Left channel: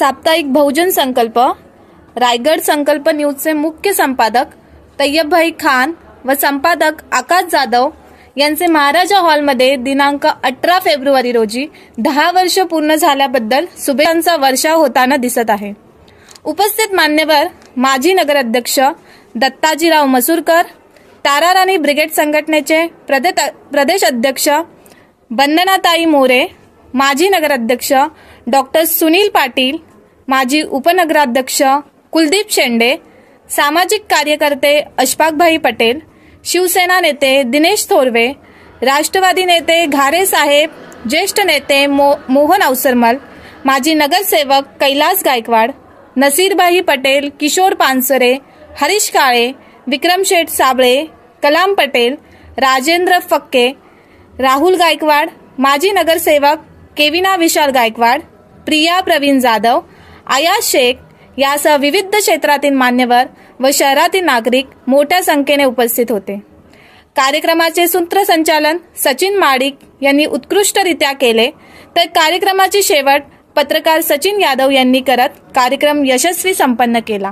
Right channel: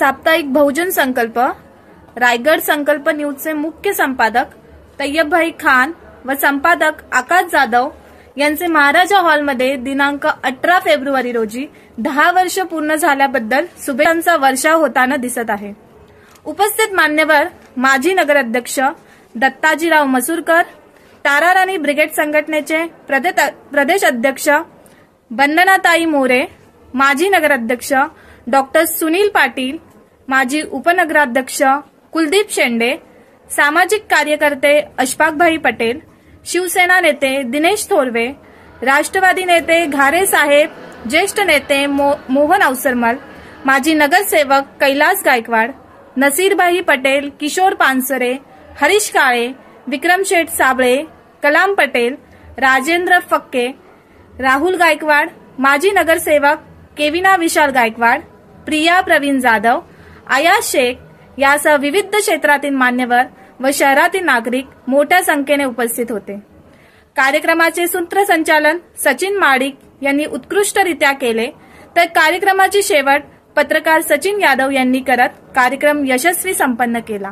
साप्ताहिक बहुजन संकल्प रायगड संकल्प न्यूजचे मुख्य संपादक तय्यबभाई खान व संपादक आकाश जाधव यांचे महाराजा हॉलमध्ये दिनांक 18 फेब्रुवारी रोजी 10 वर्ष पूर्ण झाल्याबद्दल शुभेच्छांचा वर्षाव होताना दिसत आहे। उपस्थित मान्यवर माजी नगराध्यक्ष दत्ताजीराव मसूरकर, ताराराणी ब्रिगेड संघटनेचे प्रदेश अध्यक्ष वंदनाताई मोरे, माजी नगराध्यक्ष डॉक्टर सुनील पाटील, माजी उपनगराध्यक्ष कुलदीप शेंडे, सामाजिक कार्यकर्ते अशफाकभाई पटेल, शिवसेना नेते दिनेश थोरवे, राष्ट्रवादी नेते घारे साहेब, ज्येष्ठ नेते मोहन अवसरमल, माजी नगरसेवक कैलास गायकवाड, नसीरभाई पटेल, किशोर पानसरे, हरीश काळे, विक्रम शेठ साबळे, कलाम पटेल, राजेंद्र फक्के, राहुल गायकवाड, माजी नगरसेवक केविना विशाल गायकवाड, प्रिया प्रवीण जाधव, आयाज शेख यासह विविध क्षेत्रातील मान्यवर व शहरातील नागरिक मोठ्या संख्येने उपस्थित होते। कार्यक्रमाचे सूत्रसंचालन सचिन माडिक यांनी उत्कृष्टरित्या केले, तर कार्यक्रमाची शेवट पत्रकार सचिन यादव यांनी करत कार्यक्रम यशस्वी संपन्न केला।